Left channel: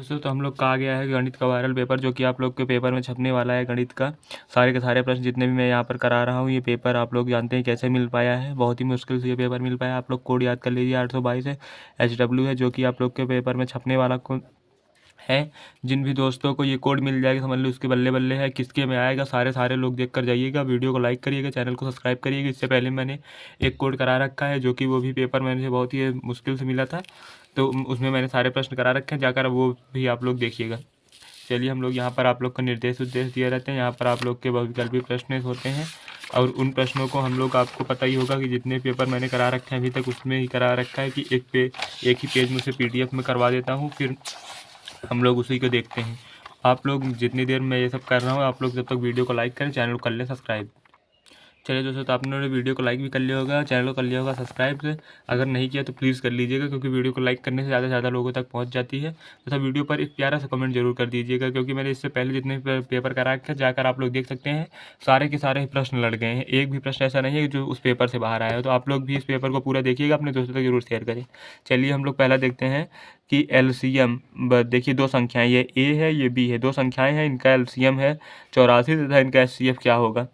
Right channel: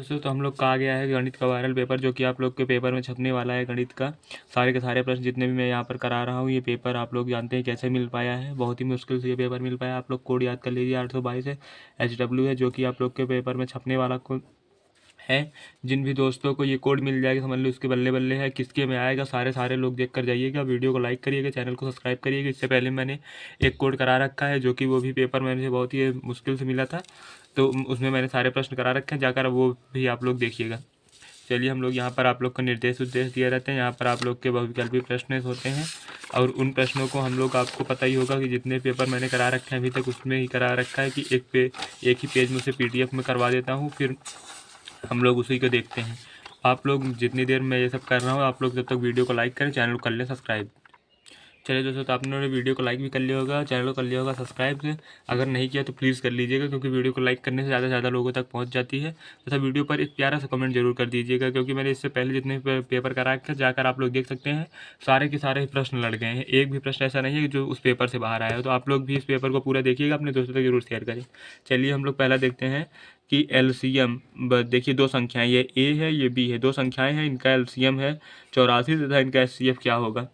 दोस्तों तो हम लोग का आ गया है गणित का वायरल पेपर, जो कि आप लोग के पेपर में छपने वाला है। गणित का सारे के सारे प्रश्न जितने भी मैं यहाँ पर करा रहा हूँ, ये पेपर आप लोग जानते हैं कैसे मिल पाया है। बहुत ही मुश्किल से ये पेपर मिल पाया। आप लोग कोड याद कर लीजिए, 822 है, HW है, जो कि आप लोग के पेपर में छपने वाला है। जिन भी दोस्तों को ये कोड मिल जाएगा, समझ लो उसके बल्ले बल्ले है। किसके में आएगा, सारे लोग देख कर जाइएगा। वीडियो को लाइक करिएगा, चैनल को सब्सक्राइब करिएगा। इससे पहले मैंने एक कोड करा रखा है, जो कि वो भी पेपर मैंने बहुत ही मुश्किल से मिला था, तो उसमें मैंने सारे प्रश्न करा रखे हैं, जाकर वो भी आप लोग देखिएगा। चलिए, हम लोग यहाँ पर आप लोग को निर्देश उद्देश्य दिए रहते हैं। यहाँ पर आप लोग के बहुविकल्पी प्रश्न होते हैं, और उन प्रश्नों को हम लोग, आपको पता ही होगा कि जितने पेपर मैंने करा रखे हैं अभी तक, उसमें ही करा रखा है कि एक ही पेज में उसे PDF में करवा देता हूँ, फिर हम लोग उसी को देखते हैं। आप लोग जितनी देर मैं ये सब कर रहा हूँ, आप लोग जब तक वीडियो को लाइक करें, चैनल को कर लें सब्सक्राइब। चलिए दोस्तों, तो आपने वीडियो को लाइक भी कर लिया होगा, चैनल को कर लिया होगा सब्सक्राइब से। अगर नहीं किया तो प्लीज़ कर लीजिएगा, क्योंकि वीडियो को लाइक करने से ज़्यादा लोगों तक पहुंच जाती है। तथा वीडियो पर एक प्यारा सा कमेंट जरूर कर दीजिएगा, क्योंकि मैंने इससे पहले जितने पेपर करा के जाकर आप लोग देख सकते हैं, सारे के सारे प्रश्न लड़ गए हैं। एक भी प्रश्न ऐसा नहीं है जो उस पेपर से बाहर आया है। तो आप लोग भी इस पेपर को पूरा देखिएगा, अपने दोस्तों तक जरूर शेयर करें। चलिए, हम लोग पहला देखते हैं कि LCM। देखिए, दो संख्याएं, ये A है, ये B है, दो संख्याएं हैं, इनका LCM है 84 तथा इनका HCF क्या होगा।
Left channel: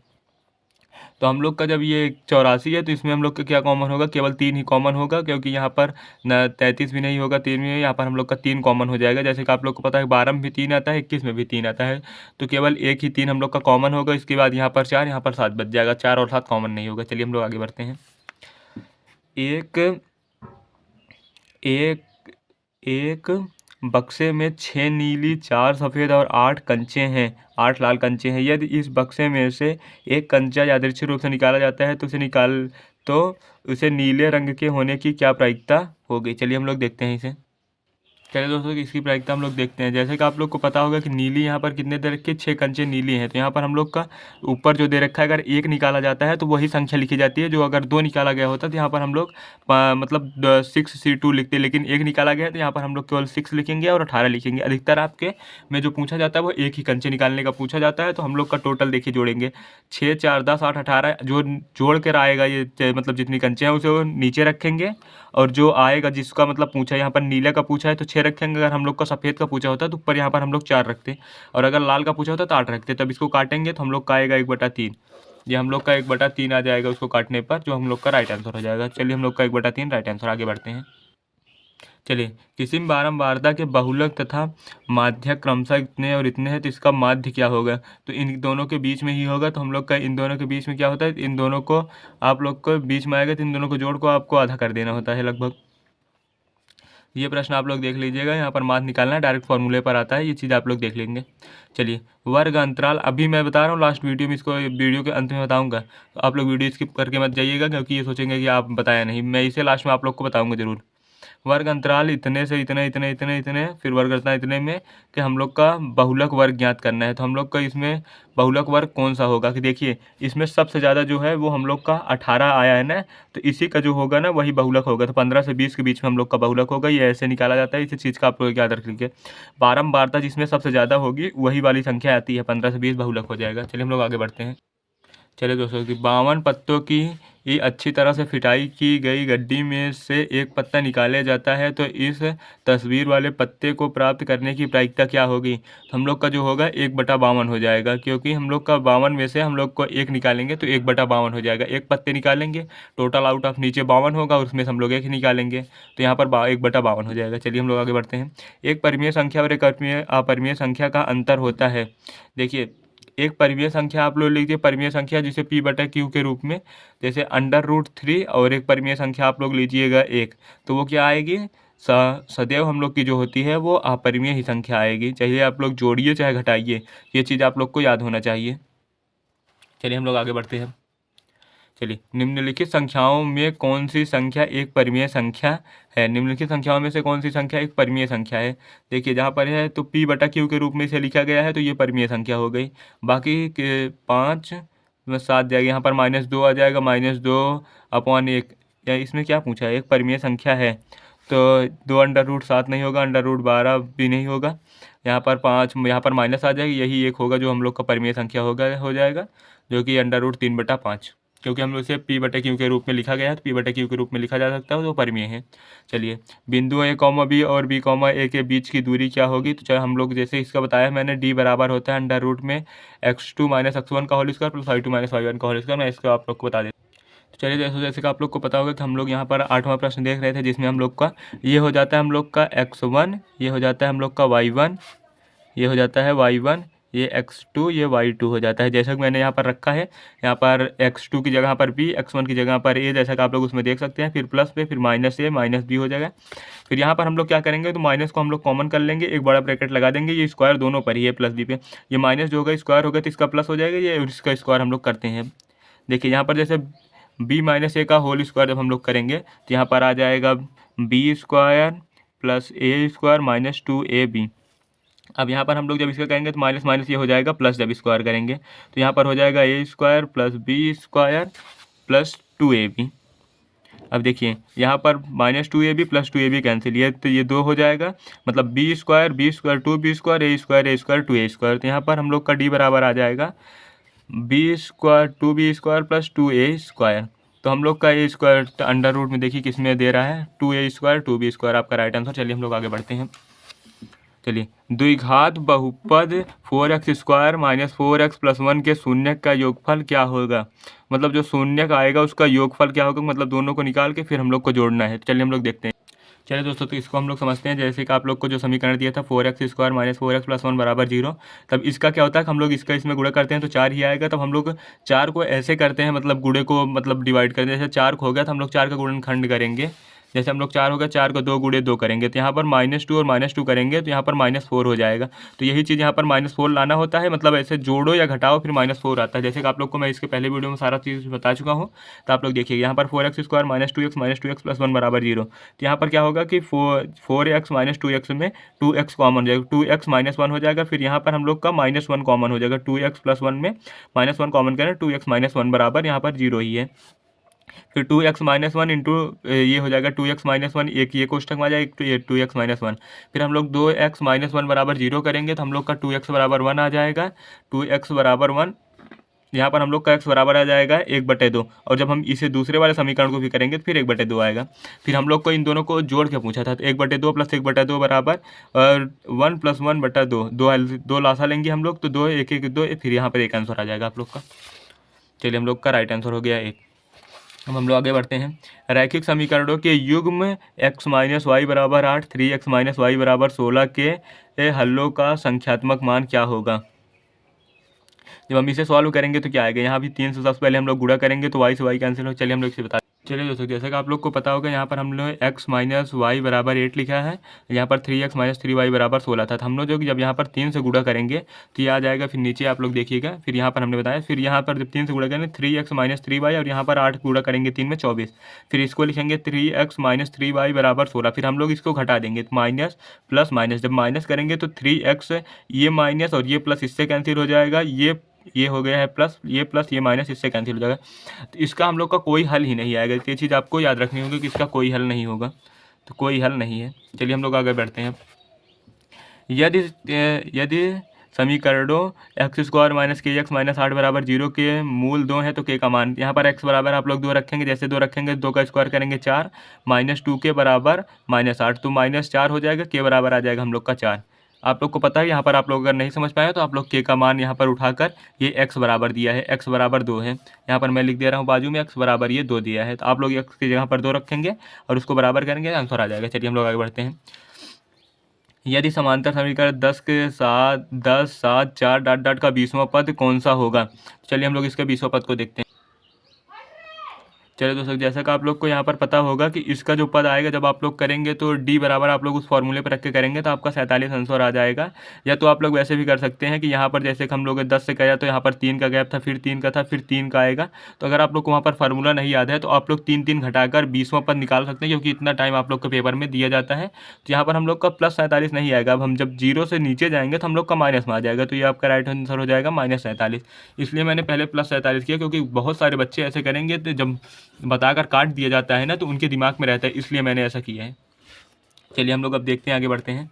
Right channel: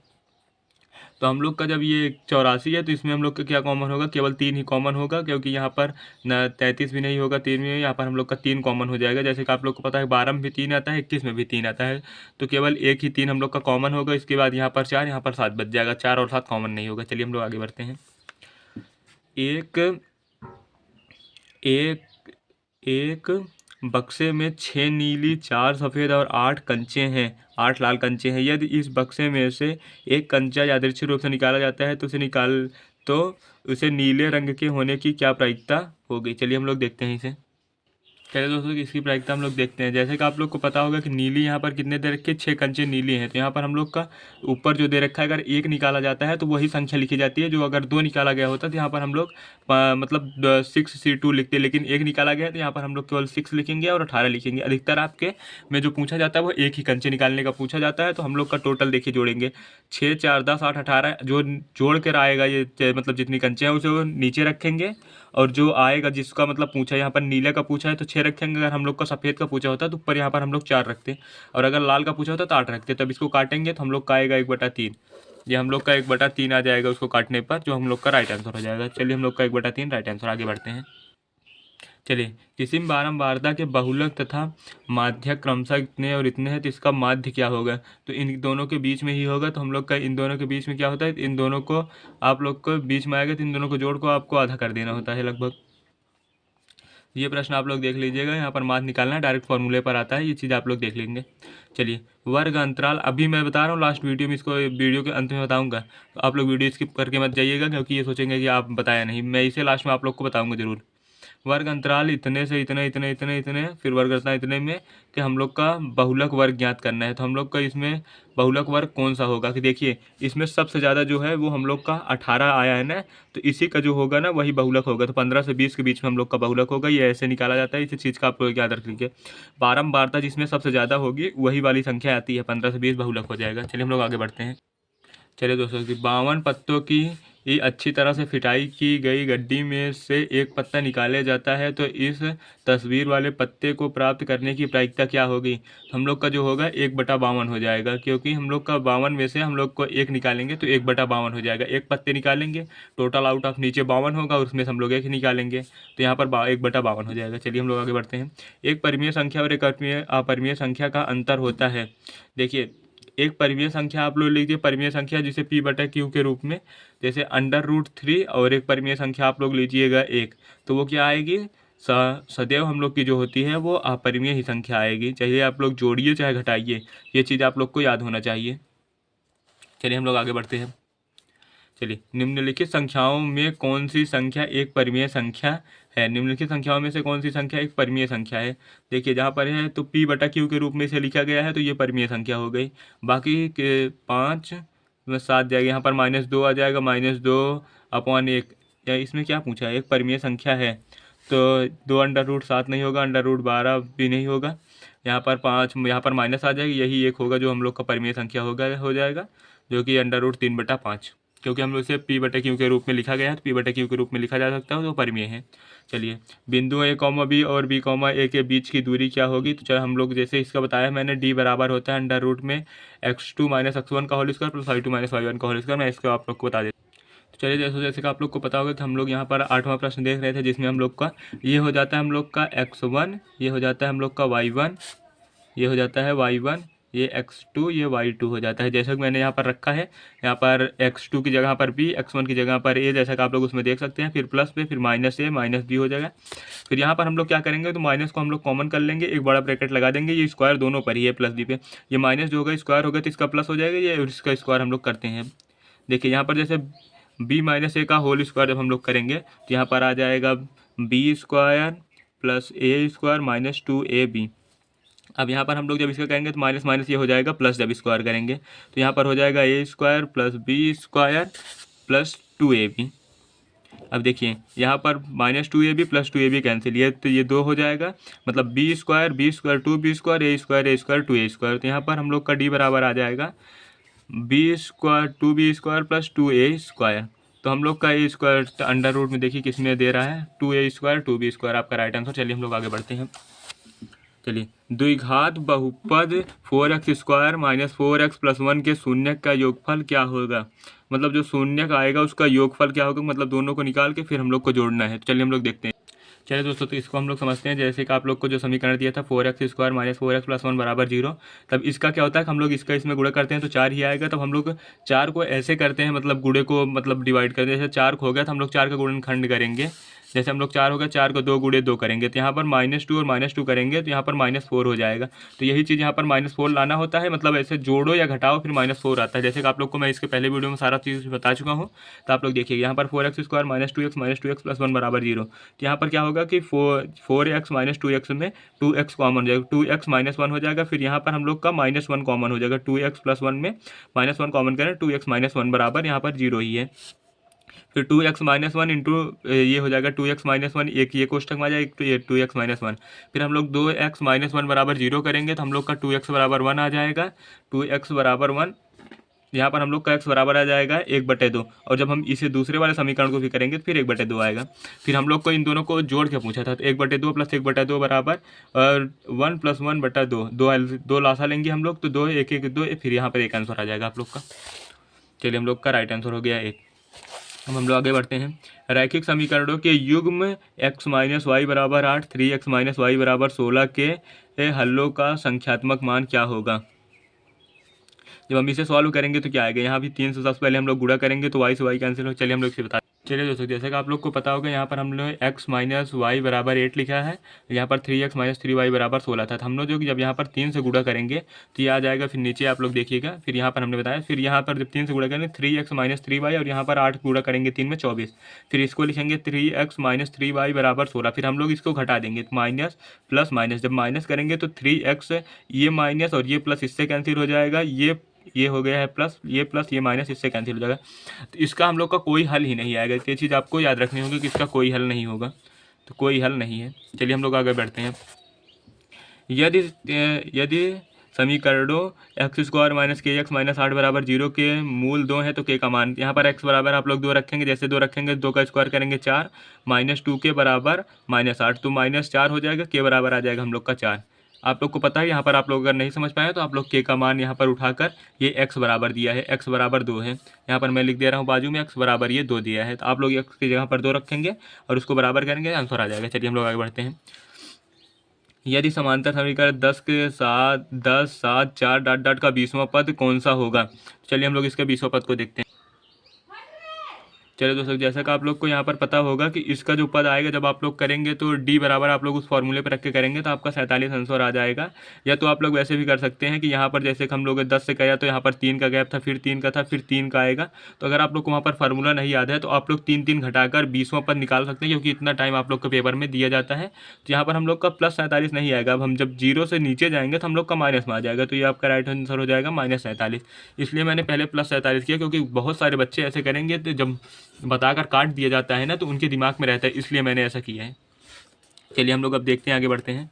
तो हम लोग का जब ये 84 है, तो इसमें हम लोग का क्या कॉमन होगा, केवल 3 ही कॉमन होगा, क्योंकि यहाँ पर न 33 भी नहीं होगा, 3 में यहाँ पर हम लोग का 3 कॉमन हो जाएगा। जैसे कि आप लोग को पता है 12 में भी 3 आता है, 21 में भी 3 आता है, तो केवल एक ही 3 हम लोग का कॉमन होगा। इसके बाद यहाँ पर 4, यहाँ पर 7 बच जाएगा, 4 और 7 कॉमन नहीं होगा। चलिए, हम लोग आगे बढ़ते हैं। एक एक एक बक्से में 6 नीली, 4 सफ़ेद और 8 कंचे हैं, 8 लाल कंचे हैं। यदि इस बक्से में से एक कंचा यादृच्छिक रूप से निकाला जाता है, तो उसे नीले रंग के होने की क्या प्रायिकता होगी। चलिए, हम लोग देखते हैं इसे। चलिए दोस्तों, इसकी प्रायिकता हम लोग देखते हैं। जैसे कि आप लोग को पता होगा कि नीली यहाँ पर कितने दे रखे, 6 कंचे नीली हैं। तो यहाँ पर हम लोग का ऊपर जो दे रखा है, अगर एक निकाला जाता है तो वही संख्या लिखी जाती है। जो अगर 2 निकाला गया होता तो यहाँ पर हम लोग मतलब 6C2 लिखते, लेकिन एक निकाला गया है तो यहाँ पर हम लोग केवल 6 लिखेंगे और 18 लिखेंगे। अधिकतर आपके में जो पूछा जाता है वो एक ही कंचे निकालने का पूछा जाता है। तो हम लोग का टोटल देखिए जोड़ेंगे, 6, 4, 10, 8, 18। जो जोड़ कर आएगा ये मतलब जितनी कंचे हैं उसे वो नीचे रखेंगे, और जो आएगा जिसका मतलब पूछा है, यहाँ पर नीले का पूछा है तो 6 रखेंगे। अगर हम लोग का सफ़ेद का पूछा होता है तो ऊपर यहाँ पर हम लोग 4 रखते, और अगर लाल का पूछा होता है तो 8 रखते। तब इसको काटेंगे तो हम लोग का आएगा 1/3। ये हम लोग का 1/3 आ जाएगा उसको काटने पर, जो हम लोग का राइट आंसर हो जाएगा। चलिए, हम लोग का 1/3 राइट आंसर। आगे बढ़ते हैं। चलिए, किसी बारंबारता के बहुलक तथा माध्यक क्रमशः इतने और इतने हैं, तो इसका माध्य क्या होगा। तो इन दोनों के बीच में ही होगा। तो हम लोग का इन दोनों के बीच में क्या होता है, इन दोनों को आप लोग को बीच में आएगा, तो इन दोनों को जोड़ को आपको आधा कर देना होता है लगभग। ये प्रश्न आप लोग देख लीजिएगा, यहाँ पर माध्य निकालना है, डायरेक्ट फॉर्मूले पर आता है, ये चीज़ आप लोग देख लेंगे। चलिए, वर्ग अंतराल अभी मैं बता रहा हूँ, लास्ट वीडियो में इसको वीडियो के अंत में बताऊँगा, तो आप लोग वीडियो स्किप करके मत जाइएगा, क्योंकि ये सोचेंगे कि आप बताया नहीं। मैं इसे लास्ट में आप लोग को बताऊँगा ज़रूर। वर्ग अंतराल इतने से इतने इतने इतने इतने, फिर वर्ग रचना इतने में, कि हम लोग का बहुलक वर्ग ज्ञात करना है। तो हम लोग का इसमें बहुलक वर्ग कौन सा होगा, कि देखिए इसमें सबसे ज़्यादा जो है वो हम लोग का 18 आया है ना, तो इसी का जो होगा ना वही बहुलक होगा। तो 15 से 20 के बीच में हम लोग का बहुलक होगा। ये ऐसे निकाला जाता है, इसी चीज़ का आप लोग याद रख लीजिए। बारंबारता जिसमें सबसे ज़्यादा होगी वही वाली संख्या आती है, 15 से 20 बहुलक हो जाएगा। चलिए, हम लोग आगे बढ़ते हैं। चलिए दोस्तों, कि 52 पत्तों की ये अच्छी तरह से फिटाई की गई गड्डी में से एक पत्ता निकाला जाता है, तो इस तस्वीर वाले पत्ते को प्राप्त करने की प्रायिकता क्या होगी। हम लोग का जो होगा 1/52 हो जाएगा, क्योंकि हम लोग का 52 में से हम लोग को एक निकालेंगे तो 1/52 हो जाएगा। एक पत्ते निकालेंगे, टोटल आउट ऑफ नीचे 52 होगा, उसमें से हम लोग एक ही निकालेंगे, तो यहाँ पर 1/52 हो जाएगा। चलिए, हम लोग आगे बढ़ते हैं। एक परिमेय संख्या और एक अपरिमेय संख्या का अंतर होता है। देखिए, एक परिमेय संख्या आप लोग लीजिए, परिमेय संख्या जिसे P/Q के रूप में, जैसे √3, और एक परिमेय संख्या आप लोग लीजिएगा 1, तो वो क्या आएगी, सदैव हम लोग की जो होती है वो अपरिमेय ही संख्या आएगी, चाहे आप लोग जोड़िए चाहे घटाइए। ये चीज़ आप लोग को याद होना चाहिए। चलिए, हम लोग आगे बढ़ते हैं। चलिए, निम्नलिखित संख्याओं में कौन सी संख्या एक परिमेय संख्या है। निम्नलिखित संख्याओं में से कौन सी संख्या एक परिमेय संख्या है। देखिए, जहाँ पर है तो P/Q के रूप में इसे लिखा गया है, तो ये परिमेय संख्या हो गई। बाकी के 5 में 7 जाएगा, यहाँ पर -2 आ जाएगा, -2/1। या इसमें क्या पूछा है, एक परिमेय संख्या है, तो 2√7 नहीं होगा, √12 भी नहीं होगा। यहाँ पर 5, यहाँ पर माइनस आ जाएगी, यही एक होगा जो हम लोग का परिमेय संख्या हो जाएगा, जो कि √3/5। क्योंकि हम लोग इसे पी बटे क्यू के रूप में लिखा गया है, तो पी बटे क्यू के रूप में लिखा जा सकता है, तो परिमेय है। चलिए, बिंदु ए कॉमा बी और बी कॉमा ए के बीच की दूरी क्या होगी? तो चलो हम लोग जैसे इसका बताया मैंने, डी बराबर होता है अंडर रूट में x2 माइनस x1 का whole square plus y2 minus y1 का होल स्क्वायर। मैं इसको आप लोग को बता देता हूँ। तो चलिए, जैसे कि आप लोग को पता होगा कि हम लोग यहाँ पर 8वां प्रश्न देख रहे थे, जिसमें हम लोग का ये हो जाता है हम लोग का x1, ये हो जाता है हम लोग का y1, ये हो जाता है y1, ये x2, ये y2 हो जाता है। जैसा कि मैंने यहाँ पर रखा है, यहाँ पर x2 की जगह पर b, x1 की जगह पर a, जैसा कि आप लोग उसमें देख सकते हैं। फिर प्लस पे, फिर माइनस a माइनस b हो जाएगा। फिर यहाँ पर हम लोग क्या करेंगे, तो माइनस को हम लोग कॉमन कर लेंगे, एक बड़ा ब्रैकेट लगा देंगे। ये स्क्वायर दोनों पर ही है, प्लस b पे। ये माइनस जो होगा स्क्वायर होगा तो इसका प्लस हो जाएगा, ये इसका स्क्वायर हम लोग करते हैं। देखिए यहाँ पर जैसे b माइनस a का होल स्क्वायर जब हम लोग करेंगे तो यहाँ पर आ जाएगा b square plus a square minus 2ab। अब यहाँ पर हम लोग जब इसका करेंगे तो माइनस माइनस ये हो जाएगा प्लस, जब स्क्वायर करेंगे तो यहाँ पर हो जाएगा a square plus b square plus 2ab। अब देखिए यहाँ पर minus 2ab plus 2ab cancel, ये तो ये 2 हो जाएगा, मतलब बी स्क्वायर 2b स्क्वायर ए स्क्वायर 2a स्क्वायर। तो यहाँ पर हम लोग का डी बराबर आ जाएगा B square 2b square plus 2a square. तो हम लोग का ए स्क्वायर अंडर रूट में देखिए किस में दे रहा है, 2a स्क्वायर 2b स्क्वायर आपका राइट आंसर। चलिए हम लोग आगे बढ़ते हैं। चलिए, द्विघात बहुपद 4x square minus 4x plus 1 के शून्य का योगफल क्या होगा? मतलब जो शून्य का आएगा उसका योगफल क्या होगा, मतलब दोनों को निकाल के फिर हम लोग को जोड़ना है। तो चलिए हम लोग देखते हैं। चलिए दोस्तों, तो इसको हम लोग समझते हैं। जैसे कि आप लोग को जो समीकरण दिया था 4x square minus 4x plus 1 बराबर 0, तब इसका क्या होता है कि हम लोग इसका इसमें गुणा करते हैं तो 4 ही आएगा। तब हम लोग 4 को ऐसे करते हैं, मतलब गुणे को मतलब डिवाइड करते हैं। जैसे 4 हो गया तो हम लोग 4 का गुणनखंड करेंगे। जैसे हम लोग 4 हो गया, 4 को 2 गुणे 2 करेंगे तो यहाँ पर -2 और -2 करेंगे तो यहाँ पर -4 हो जाएगा। तो यही चीज़ यहाँ पर -4 लाना होता है, मतलब ऐसे जोड़ो या घटाओ फिर -4 आता है। जैसे कि आप लोग को मैं इसके पहले वीडियो में सारा चीज़ बता चुका हूँ। तो आप लोग देखिए यहाँ पर 4x square minus 2x plus 1 बराबर 0। तो यहाँ पर क्या होगा कि 4x माइनस 2x में 2x कॉमन हो जाएगा, 2x माइनस 1 हो जाएगा। फिर यहाँ पर हम लोग का -1 कॉमन हो जाएगा, 2x प्लस 1 में -1 कॉमन करें, 2x माइनस 1 बराबर यहाँ पर 0 ही है। फिर 2x माइनस 1 इंटू ये हो जाएगा 2x माइनस 1, एक ये कोष्टक में आ जाएगा 2x माइनस 1। फिर हम लोग 2x माइनस 1 बराबर 0 करेंगे तो हम लोग का 2x बराबर 1 आ जाएगा, 2x बराबर 1। यहाँ पर हम लोग का x बराबर आ जाएगा 1/2। और जब हम इसे दूसरे वाले समीकरण को भी करेंगे तो फिर 1/2 आएगा। फिर हम लोग को इन दोनों को जोड़ के पूछा था, तो 1/2 प्लस 1/2 बराबर और 1 प्लस 1/2, दो लासा लेंगे हम लोग, तो 2 1 1 2, फिर यहाँ पर एक आंसर आ जाएगा आप लोग का। चलिए हम लोग का राइट आंसर हो गया 1। अब हम लोग आगे बढ़ते हैं। रैखिक समीकरणों के युग्म x माइनस वाई बराबर 8, 3x माइनस वाई बराबर 16 के हलों का संख्यात्मक मान क्या होगा? जब हम इसे सॉल्व करेंगे तो क्या आएगा, यहाँ भी 3 से सबसे पहले हम लोग गुणा करेंगे तो y से y कैंसिल हो। चलिए हम लोग इसे बता। चलिए दोस्तों, जैसे कि आप लोग को पता होगा यहाँ पर हम लोग x माइनस वाई बराबर 8 लिखा है, यहाँ पर 3x माइनस 3y बराबर 16 था। तो हम लोग जो कि जब यहाँ पर 3 से गुणा करेंगे तो ये आ जाएगा। फिर नीचे आप लोग देखिएगा, फिर यहाँ पर हमने बताया, फिर यहाँ पर जब 3 से गुणा करेंगे 3x माइनस 3y, और यहाँ पर 8 गुणा करेंगे 3 में 24। फिर इसको लिखेंगे 3x माइनस 3y बराबर 16। फिर हम लोग इसको घटा देंगे, माइनस प्लस माइनस, जब माइनस करेंगे तो 3x, ये माइनस और ये प्लस इससे कैंसिल हो जाएगा, ये हो गया है प्लस ये माइनस इससे कैंसिल हो जाएगा। तो इसका हम लोग का कोई हल ही नहीं आएगा। ये चीज़ आपको याद रखनी होगी कि इसका कोई हल नहीं होगा, तो कोई हल नहीं है। चलिए हम लोग आगे बढ़ते हैं। यदि समीकरणों एक्स स्क्वायर माइनस के एक्स माइनस 8 बराबर 0 के मूल 2 हैं तो के का मान, यहाँ पर एक्स बराबर आप लोग 2 रखेंगे, जैसे 2 रखेंगे 2 का स्क्वायर करेंगे 4, -2 के बराबर -8, तो -4 हो जाएगा, के बराबर आ जाएगा हम लोग का 4। आप लोग को पता है, यहाँ पर आप लोग अगर नहीं समझ पाए तो आप लोग के का मान यहाँ पर उठाकर, ये x बराबर दिया है, x बराबर 2 है, यहाँ पर मैं लिख दे रहा हूँ बाजू में x बराबर ये 2 दिया है, तो आप लोग x की जगह पर 2 रखेंगे और उसको बराबर करेंगे, आंसर आ जाएगा। चलिए हम लोग आगे बढ़ते हैं। यदि समांतर समीकरण 10 के साथ 10 7 4 डॉट डॉट का 20वां पद कौन सा होगा? चलिए हम लोग इसके 20वां पद को देखते हैं। चलिए दोस्तों, जैसा कि आप लोग को यहाँ पर पता होगा कि इसका जो पद आएगा जब आप लोग करेंगे तो d बराबर आप लोग उस फॉर्मूले पर रख के करेंगे तो आपका 47 आंसर आ जाएगा। या तो आप लोग वैसे भी कर सकते हैं कि यहाँ पर जैसे कि हम लोग 10 से किया तो यहाँ पर 3 का गैप था, फिर 3 का था, फिर 3 का आएगा। तो अगर आप लोग को वहाँ पर फार्मूला नहीं याद है तो आप लोग 3 3 घटाकर 20वां पद निकाल सकते हैं, क्योंकि इतना टाइम आप लोग के पेपर में दिया जाता है। तो यहाँ पर हम लोग का प्लस 47 नहीं आएगा। अब हम जब 0 से नीचे जाएंगे तो हम लोग का माइनस में आ जाएगा, तो ये आपका राइट आंसर हो जाएगा -47। इसलिए मैंने पहले प्लस 47 किया, क्योंकि बहुत सारे बच्चे ऐसे करेंगे तो जब बताकर काट दिया जाता है ना तो उनके दिमाग में रहता है, इसलिए मैंने ऐसा किया है। चलिए हम लोग अब देखते हैं, आगे बढ़ते हैं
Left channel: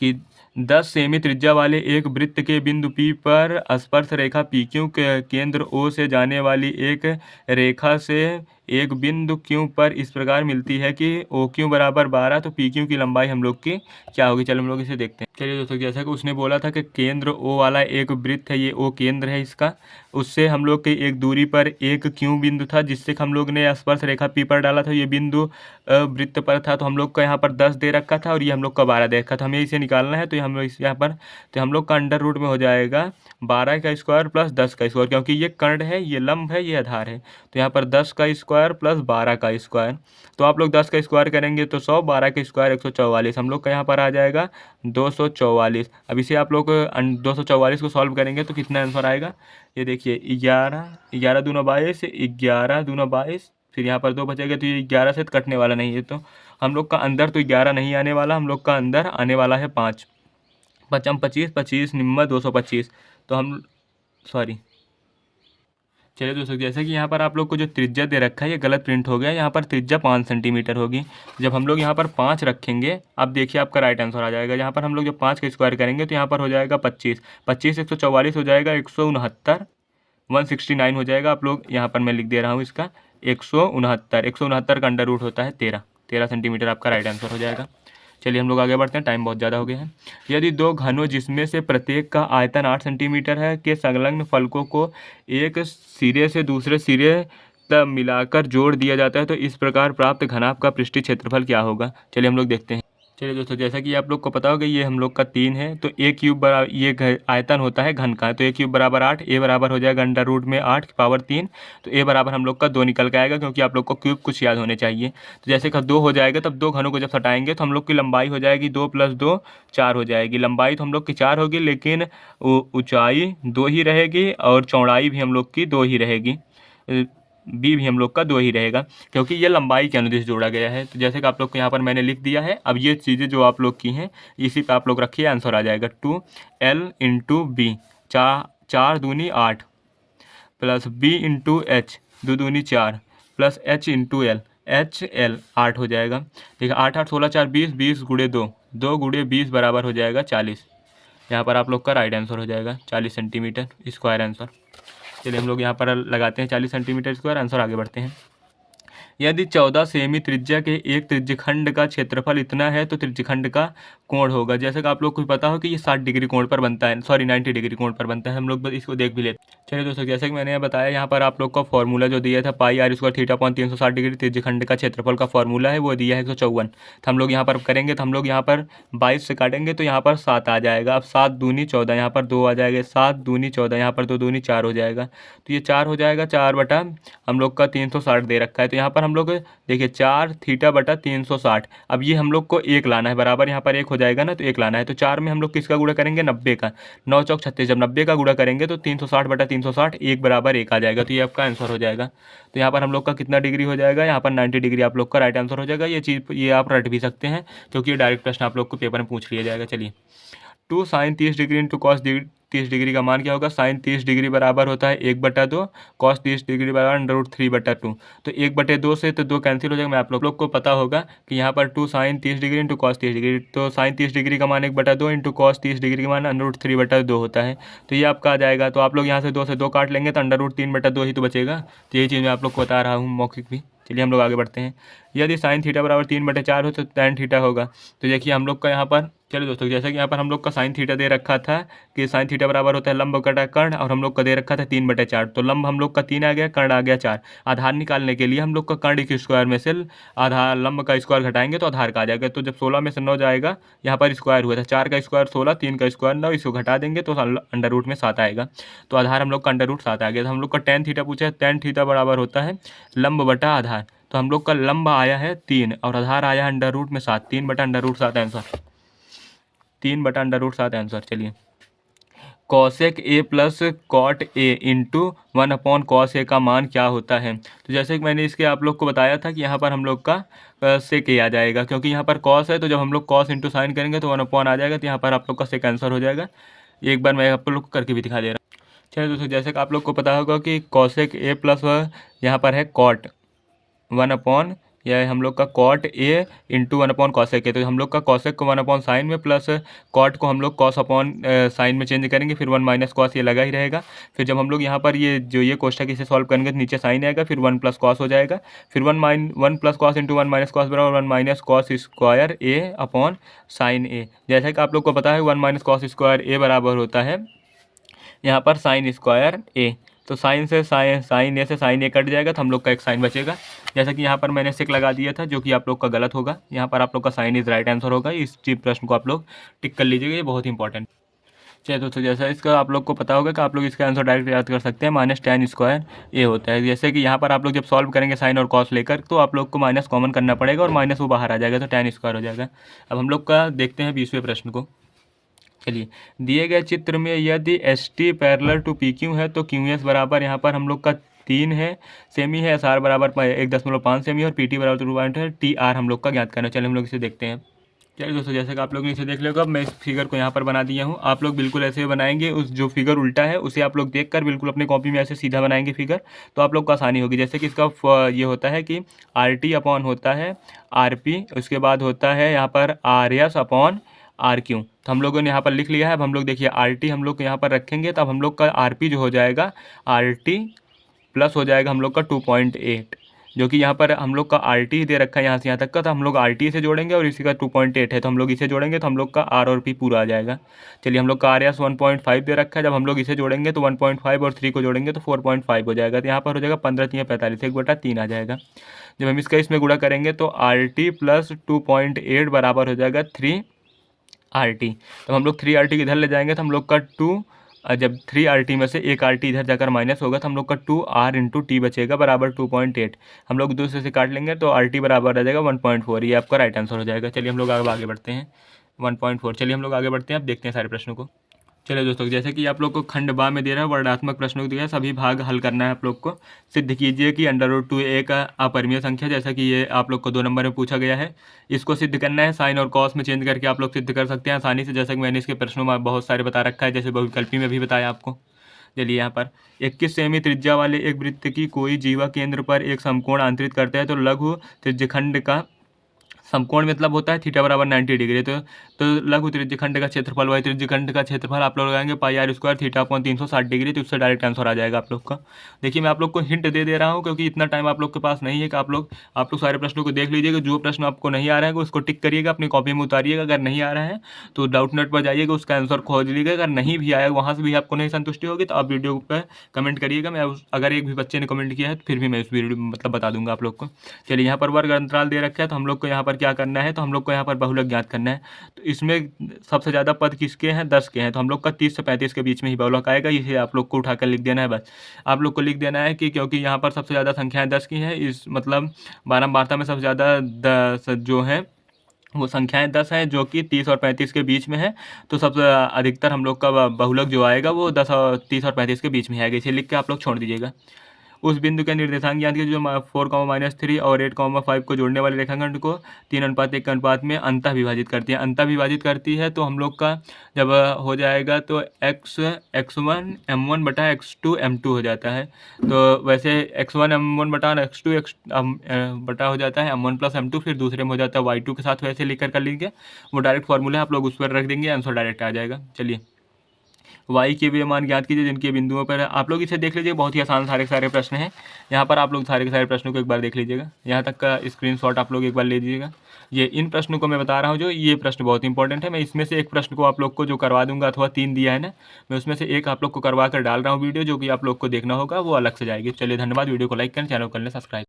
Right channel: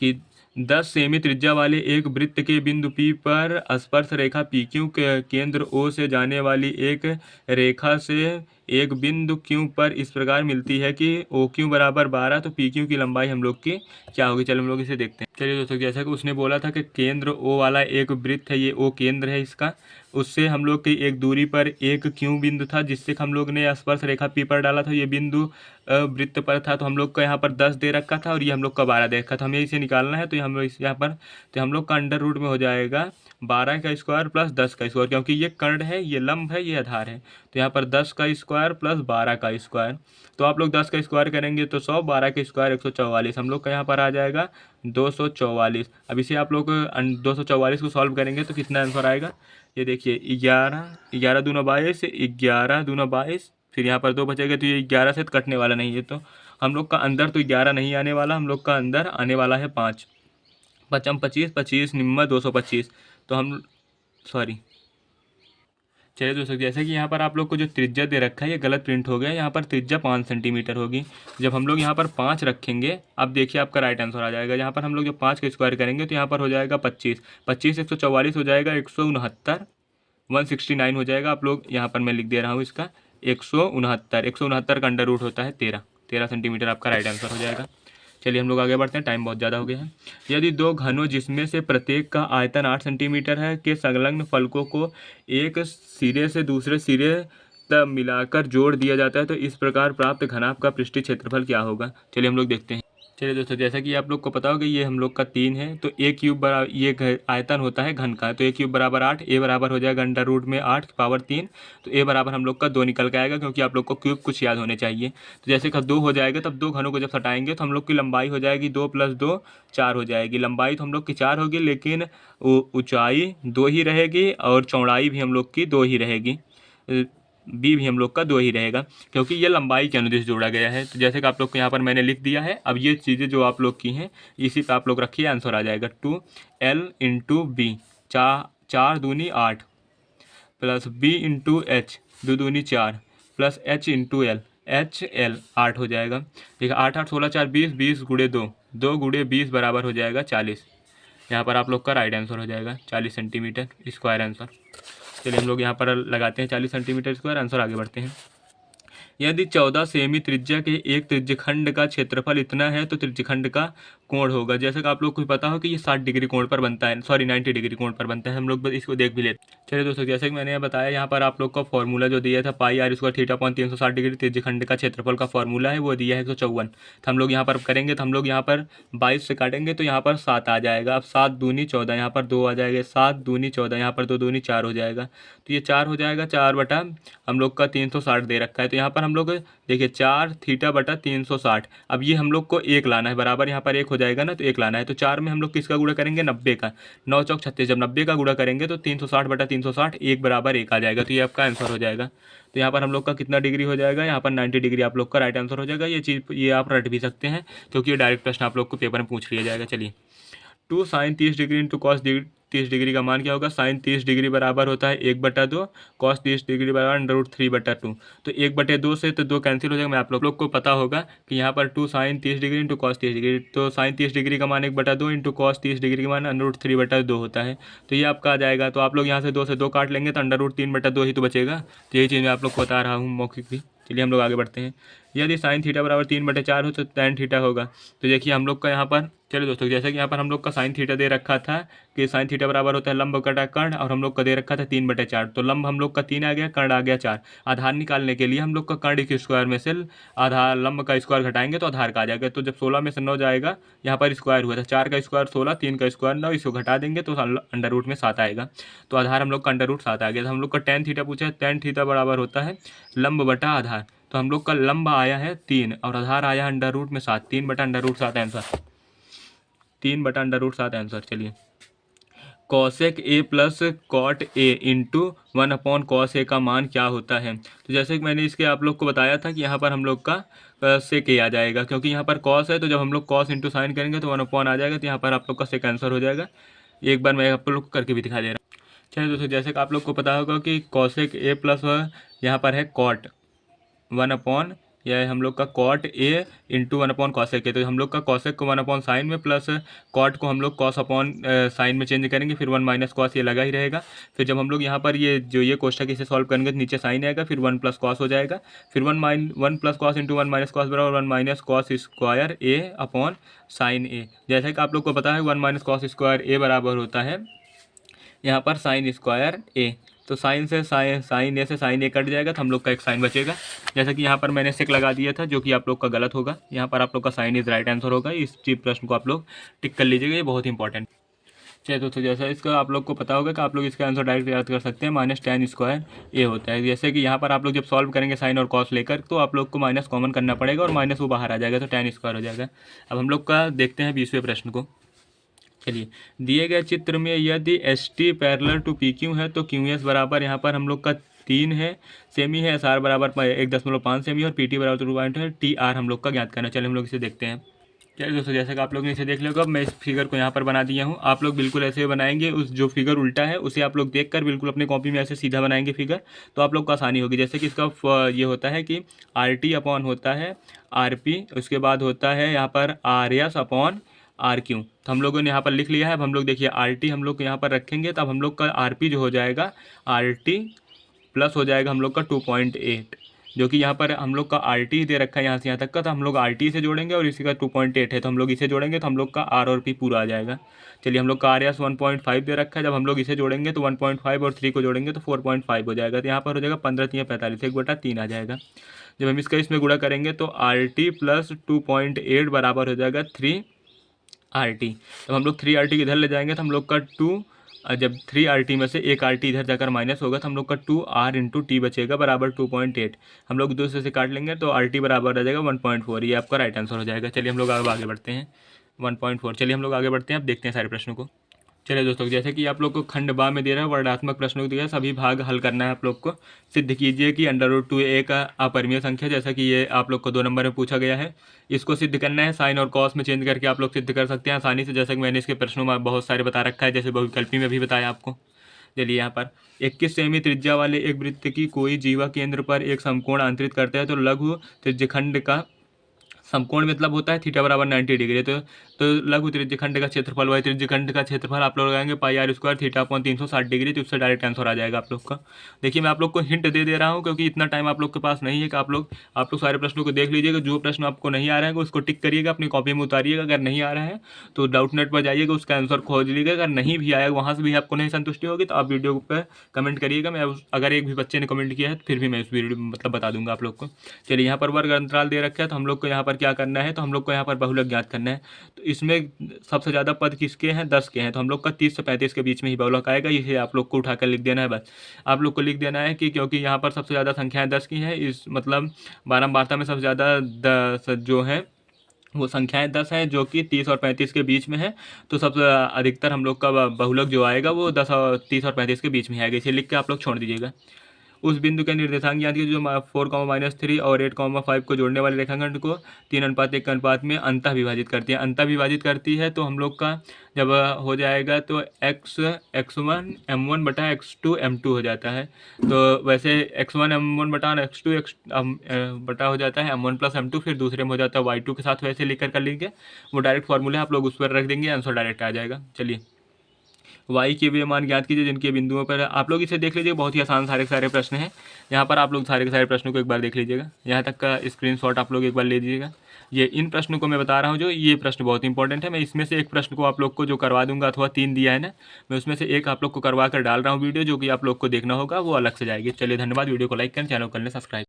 कि 10 सेमी त्रिज्या वाले एक वृत्त के बिंदु P पर स्पर्श रेखा PQ के केंद्र O से जाने वाली एक रेखा से एक बिंदु Q पर इस प्रकार मिलती है कि OQ बराबर 12, तो PQ की लंबाई हम लोग की क्या होगी। चलो हम लोग इसे देखते हैं। चलिए दोस्तों, जैसा कि उसने बोला था कि केंद्र O वाला एक वृत्त है, ये O केंद्र है इसका, उससे हम लोग की एक दूरी पर एक Q बिंदु था जिससे हम लोग ने स्पर्श रेखा P पर डाला था। ये बिंदु वृत्त पर था, तो हम लोग को यहाँ पर 10 दे रखा था और ये हम लोग का 12 दे रखा था। हमें इसे निकालना है, तो हम लोग इस यहाँ पर, तो हम लोग का अंडर रूट में हो जाएगा 12 का स्क्वायर प्लस 10 का स्क्वायर, क्योंकि ये कर्ण है, ये लंब है, ये आधार है, तो यहाँ पर 10 का स्क्वायर प्लस 12 का स्क्वायर। तो आप लोग 10 का स्क्वायर करेंगे तो 100, 12 का स्क्वायर 144, हम लोग का यहाँ पर आ जाएगा 244। अब इसे आप लोग 244 को सॉल्व करेंगे तो कितना आंसर आएगा, ये देखिए 11, 11 दूना 22, 11 दूना 22, फिर यहाँ पर 2 बचेगा, तो ये 11 से तो कटने वाला नहीं है, तो हम लोग का अंदर तो 11 नहीं आने वाला, हम लोग का अंदर आने वाला है 5, 5 25, 25 निम्मा 225, तो हम सॉरी। चलिए दोस्तों, जैसे कि यहाँ पर आप लोग को जो त्रिज्या दे रखा है ये गलत प्रिंट हो गया, यहाँ पर त्रिज्या 5 सेंटीमीटर होगी। जब हम लोग यहाँ पर 5 रखेंगे, अब देखिए आपका राइट आंसर आ जाएगा। यहाँ पर हम लोग जब 5 का स्क्वायर करेंगे तो यहाँ पर हो जाएगा 25, 25 144 हो जाएगा 169, 169 हो जाएगा। आप लोग यहाँ पर मैं लिख दे रहा हूँ इसका 169, 169 का अंडर रूट होता है 13, 13 सेंटीमीटर आपका राइट आंसर हो जाएगा। चलिए हम लोग आगे बढ़ते हैं, टाइम बहुत ज़्यादा हो गया है। यदि दो घनों जिसमें से प्रत्येक का आयतन 8 सेंटीमीटर है के संलग्न फलकों को एक सिरे से दूसरे सिरे तक मिलाकर जोड़ दिया जाता है तो इस प्रकार प्राप्त घनाभ का पृष्ठीय क्षेत्रफल क्या होगा। चलिए हम लोग देखते हैं। चलिए दोस्तों, जैसा कि आप लोग को पता होगा ये हम लोग का 3 है, तो ए क्यूब बराबर, ये आयतन होता है घन का, तो ए क्यूब बराबर 8, ए बराबर हो जाएगा अंडर रूट में 8 की पावर 3, तो ए बराबर हम लोग का 2 निकल के आएगा, क्योंकि आप लोग को क्यूब कुछ याद होने चाहिए। तो जैसे कि 2 हो जाएगा, तब 2 घनों को जब हटाएंगे तो हम लोग की लंबाई हो जाएगी 2 + 2 4 हो जाएगी। लंबाई तो हम लोग की 4 होगी, लेकिन ऊंचाई 2 ही रहेगी और चौड़ाई भी हम लोग की 2 ही रहेगी, बी भी हम लोग का 2 ही रहेगा, क्योंकि ये लंबाई के अनुदिश जोड़ा गया है। तो जैसे कि आप लोग को यहाँ पर मैंने लिख दिया है, अब ये चीज़ें जो आप लोग की हैं इसी पे आप लोग रखिए, आंसर आ जाएगा 2L × B, 4 दूनी 8 प्लस B × H 2 दूनी 4 प्लस H × L, HL 8 हो जाएगा। ठीक है, 8 8 16 4 20, 20 × 2, 2 × 20 बराबर हो जाएगा 40। यहाँ पर आप लोग का राइट आंसर हो जाएगा 40 सेंटीमीटर स्क्वायर आंसर। चलिए हम लोग यहाँ पर लगाते हैं 40 सेंटीमीटर स्क्वायर आंसर, आगे बढ़ते हैं। यदि 14 सेमी त्रिज्या के एक त्रिज्यखंड का क्षेत्रफल इतना है तो त्रिज्यखंड का कोण होगा। जैसे कि आप लोग को पता हो कि ये 60 डिग्री कोण पर बनता है, सॉरी 90 डिग्री कोण पर बनता है, हम लोग बस इसको देख भी लेते हैं। चलिए दोस्तों, जैसे कि मैंने बताया यहाँ पर आप लोग का फॉर्मूला जो दिया था πr² θ/360 डिग्री त्रिज्यखंड का क्षेत्रफल का फॉर्मूला है, वो दिया है 154। तो हम लोग यहाँ पर करेंगे, तो हम लोग यहाँ पर 22 से काटेंगे तो यहाँ पर 7 आ जाएगा। अब 7 दूनी 14, यहाँ पर 2 आ जाएगा, 7 दूनी 14, यहाँ पर 2 दूनी 4 हो जाएगा, तो ये 4 हो जाएगा, 4 बटा हम लोग का 360 दे रखा है, तो यहाँ पर हम लोग देखिए 4 θ/360। अब ये हम लोग को एक लाना है बराबर, यहाँ पर 1 हो जाएगा ना, तो 1 लाना है, तो 4 में हम लोग किसका गुणा करेंगे, 90 का, 9 चौक 36, जब 90 का गुणा करेंगे तो 360/360 1 बराबर 1 आ जाएगा, तो ये आपका आंसर हो जाएगा। तो यहाँ पर हम लोग का कितना डिग्री हो जाएगा, यहाँ पर 90 डिग्री आप लोग का राइट आंसर हो जाएगा। ये चीज़ ये आप रट भी सकते हैं, क्योंकि ये डायरेक्ट प्रश्न आप लोग को पेपर में पूछ लिया जाएगा। चलिए 2 sin 30 degree into cos 30 degree का मान क्या होगा। साइन 30 डिग्री बराबर होता है 1/2, कॉस 30 डिग्री बराबर √3/2, तो 1/2 से तो 2 कैंसिल हो जाएगा। मैं आप लोग को पता होगा कि यहाँ पर 2 sin 30 degree into cos 30 degree, तो साइन 30 डिग्री का मान 1/2 इंटू कॉस 30 डिग्री का मान √3/2 होता है, तो ये आपका आ जाएगा। तो आप लोग यहाँ से 2 से 2 काट लेंगे तो √3/2 ही तो बचेगा, तो यही चीज़ मैं आप लोग को बता रहा हूँ मौखिक भी। चलिए हम लोग आगे बढ़ते हैं। यदि साइन थीटा बराबर 3/4 हो तो tan थीटा होगा। तो देखिए हम लोग का यहाँ पर, चलिए दोस्तों, जैसा कि यहाँ पर हम लोग का साइन थीटा दे रखा था कि साइन थीटा बराबर होता है लंब बटा कर्ण, और हम लोग का दे रखा था 3/4, तो लंब हम लोग का 3 आ गया, कर्ण आ गया 4। आधार निकालने के लिए हम लोग का कर्ण के स्क्वायर में से आधार लंब का स्क्वायर घटाएंगे तो आधार का आ जाएगा। तो जब 16 में से 9 जाएगा, यहाँ पर स्क्वायर हुआ था, 4 का स्क्वायर 16, 3 का स्क्वायर 9, इसको घटा देंगे तो अंडर रूट में 7 आएगा, तो आधार हम लोग का अंडर रूट 7 आ गया। तो हम लोग का tan थीटा पूछा है, tan थीटा बराबर होता है लंब बटा आधार, तो हम लोग का लंब आया है 3 और आधार आया है अंडर रूट में 7, 3/√7 आंसर, 3/√7 आंसर। चलिए cosec A plus cot A into 1/cos A का मान क्या होता है। तो जैसे कि मैंने इसके आप लोग को बताया था कि यहाँ पर हम लोग का सेक ए आ जाएगा, क्योंकि यहाँ पर कॉस है, तो जब हम लोग कॉस इंटू साइन करेंगे तो 1/, आ जाएगा, तो यहाँ पर आप लोग का सेक आंसर हो जाएगा। एक बार मैं आप लोग को करके भी दिखा दे रहा हूँ। चलिए दोस्तों, जैसे कि आप लोग को पता होगा कि कॉसेक ए प्लस यहाँ पर है कॉट 1/, यह है हम लोग का कॉट ए इंटू 1/cosec है। तो हम लोग का कॉसेक को 1/sin में प्लस कॉट को हम लोग कॉस अपॉन साइन में चेंज करेंगे, फिर 1 - cos ये लगा ही रहेगा। फिर जब हम लोग यहाँ पर ये कोष्ठक इसे सॉल्व करेंगे तो नीचे साइन आएगा, फिर 1 + cos हो जाएगा, फिर 1 + cos इंटू 1 - cos बराबर 1 - cos स्क्वायर ए अपॉन साइन ए। जैसा कि आप लोग को पता है 1 - cos स्क्वायर ए बराबर होता है यहाँ पर साइन स्क्वायर ए। तो साइन से साइन ए से साइन ए कट जाएगा, तो हम लोग का एक साइन बचेगा। जैसा कि यहाँ पर मैंने सेक लगा दिया था, जो कि आप लोग का गलत होगा। यहाँ पर आप लोग का साइन इज राइट आंसर होगा। इस चीज प्रश्न को आप लोग टिक कर लीजिएगा, ये बहुत इंपॉर्टेंट। चलिए दोस्तों, जैसा इसका आप लोग को पता होगा कि आप लोग इसका आंसर डायरेक्ट याद कर सकते हैं, -tan स्क्वायर ए होता है। जैसे कि यहाँ पर आप लोग जब सॉल्व करेंगे साइन और कॉस लेकर, तो आप लोग को माइनस कॉमन करना पड़ेगा और माइनस वो बाहर आ जाएगा, तो tan स्क्वायर हो जाएगा। अब हम लोग का देखते हैं 20वें प्रश्न को। चलिए, दिए गए चित्र में यदि S T parallel to P Q है तो क्यू एस बराबर यहाँ पर हम लोग का 3 है सेमी है, एस आर बराबर 1.5 सेमी है और पी टी बराबर 2 पॉइंट है, टी आर हम लोग का ज्ञात करना है। चलिए हम लोग इसे देखते हैं। चलिए दोस्तों, जैसे कि आप लोग ने इसे देख लिया होगा, मैं इस फिगर को यहाँ पर बना दिया हूँ। आप लोग बिल्कुल ऐसे बनाएंगे, उस जो फिगर उल्टा है उसे आप लोग देखकर बिल्कुल अपनी कॉपी में ऐसे सीधा बनाएंगे फिगर, तो आप लोग को आसानी होगी। जैसे कि इसका ये होता है कि आर टी अपॉन होता है आर पी, उसके बाद होता है यहाँ पर R S upon R Q. तो हम लोगों ने यहाँ पर लिख लिया है। अब हम लोग देखिए आर टी हम लोग यहाँ पर रखेंगे, तब हम लोग का आर पी जो हो जाएगा आर टी प्लस हो जाएगा हम लोग का 2.8, जो कि यहाँ पर हम लोग का आर टी दे रखा है यहाँ से यहाँ तक का, तो हम लोग आर टी से जोड़ेंगे और इसी का 2.8 है तो हम लोग इसे जोड़ेंगे, तो हम लोग का आर और पी पूरा आ जाएगा। चलिए, हम लोग का आर एस 1.5 दे रखा है, जब हम लोग इसे जोड़ेंगे तो 1.5 और 3 को जोड़ेंगे तो 4.5 हो जाएगा। तो यहाँ पर हो जाएगा 15 × 45, 1/3 आ जाएगा। जब हम इसका इसमें गुणा करेंगे तो आर टी प्लस 2.8 बराबर हो जाएगा 3 आर टी। तो हम लोग 3 आर टी इधर ले जाएंगे तो हम लोग का 2, जब 3 आर टी में से 1 आर टी इधर जाकर माइनस होगा तो हम लोग का 2 आर इंटू टी बचेगा बराबर 2.8। हम लोग दूसरे से काट लेंगे तो आर टी बराबर रह जाएगा 1.4। ये आपका राइट आंसर हो जाएगा। चलिए हम लोग आगे बढ़ते हैं। 1.4। चलिए हम लोग आगे बढ़ते हैं, अब देखते हैं सारे प्रश्नों को। चलिए दोस्तों, जैसे कि आप लोग को खंड बा में दे रहा है वर्णात्मक प्रश्नों को दिया है, सभी भाग हल करना है। आप लोग को सिद्ध कीजिए कि √2 एक अपरिमेय संख्या, जैसा कि ये आप लोग को 2 नंबर में पूछा गया है, इसको सिद्ध करना है। साइन और कॉस में चेंज करके आप लोग सिद्ध कर सकते हैं आसानी से, जैसा कि मैंने इसके प्रश्नों में बहुत सारे बता रखा है, जैसे बहुविकल्पी में भी बताया आपको। चलिए, यहाँ पर 21 सेमी त्रिज्या वाले एक वृत्त की कोई जीवा केंद्र पर एक समकोण अंतरित करता है, तो लघु त्रिज्यखंड का समकोण मतलब होता है थीटा बराबर 90 डिग्री। तो लघु त्रिज्यखंड का क्षेत्रफल वही त्रिज्यखंड का क्षेत्रफल आप लोग लगाएंगे pi r square theta upon 360 degree, तो उससे डायरेक्ट आंसर आ जाएगा आप लोग का। देखिए, मैं आप लोग को हिंट दे रहा हूँ क्योंकि इतना टाइम आप लोग के पास नहीं है कि आप लोग सारे प्रश्नों को देख लीजिएगा। जो प्रश्न आपको नहीं आ रहा है उसको टिक करिएगा, अपनी कॉपी में उतारिएगा। अगर नहीं आ रहा है तो डाउट नेट पर जाइएगा, उसका आंसर खोज लीजिएगा। अगर नहीं भी आएगा, वहाँ से भी आपको नहीं संतुष्टि होगी, तो आप वीडियो पर कमेंट करिएगा। मैं अगर एक भी बच्चे ने कमेंट किया है तो फिर भी मैं इस वीडियो में बता दूंगा आप लोग को। चलिए, यहाँ पर वर्ग अंतराल दे रखा है, तो हम लोग को यहाँ पर क्या करना है, तो हम लोग को यहाँ पर बहुलक ज्ञात करना है। तो इसमें सबसे ज़्यादा पद किसके हैं, 10 के हैं, तो हम लोग का 30 से 35 के बीच में ही बहुलक आएगा। इसे आप लोग को उठाकर लिख देना है। बस आप लोग को लिख देना है कि क्योंकि यहाँ पर सबसे ज़्यादा संख्याएं 10 की हैं, इस मतलब बारंबारता में सबसे ज़्यादा 10 जो है वो संख्याएं 10 हैं, जो कि 30 और 35 के बीच में है। तो सबसे अधिकतर हम लोग का बहुलक जो आएगा वो 10 और 30 और 35 के बीच में आएगा। इसे लिख के आप लोग छोड़ दीजिएगा। उस बिंदु के निर्देशांक ज्ञात कीजिए जो 4, -3 और 8, 5 को जोड़ने वाले रेखाखंड को 3:1 के अनुपात में अंतः विभाजित करती है। अंतः विभाजित करती है, तो हम लोग का जब हो जाएगा तो x1 m1 बटा x2 m2 हो जाता है। तो वैसे x1 m1 बटा x2 बटा हो जाता है m1 + m2, फिर दूसरे में हो जाता है y2 के साथ, वैसे लिखकर कर लीजिए। वो डायरेक्ट फार्मूला आप लोग उस पर रख देंगे, आंसर डायरेक्ट आ जाएगा। चलिए, वाई के वे मान ज्ञात कीजिए जिनके बिंदुओं पर आप लोग इसे देख लीजिए। बहुत ही आसान सारे प्रश्न हैं। यहाँ पर आप लोग सारे के सारे प्रश्नों को एक बार देख लीजिएगा। यहाँ तक का स्क्रीनशॉट आप लोग एक बार ले लीजिएगा। ये इन प्रश्नों को मैं बता रहा हूँ, जो ये प्रश्न बहुत इंपॉर्टेंट है। मैं इसमें से एक प्रश्न को आप लोग को जो करवा दूंगा, अथवा 3 दिया है ना, मैं उसमें से एक आप लोग को करवा कर डाल रहा हूँ वीडियो, जो कि आप लोग को देखना होगा, वो अलग से जाएगी। चलिए, धन्यवाद। वीडियो को लाइक करें, चैनल को कर लें सब्सक्राइब।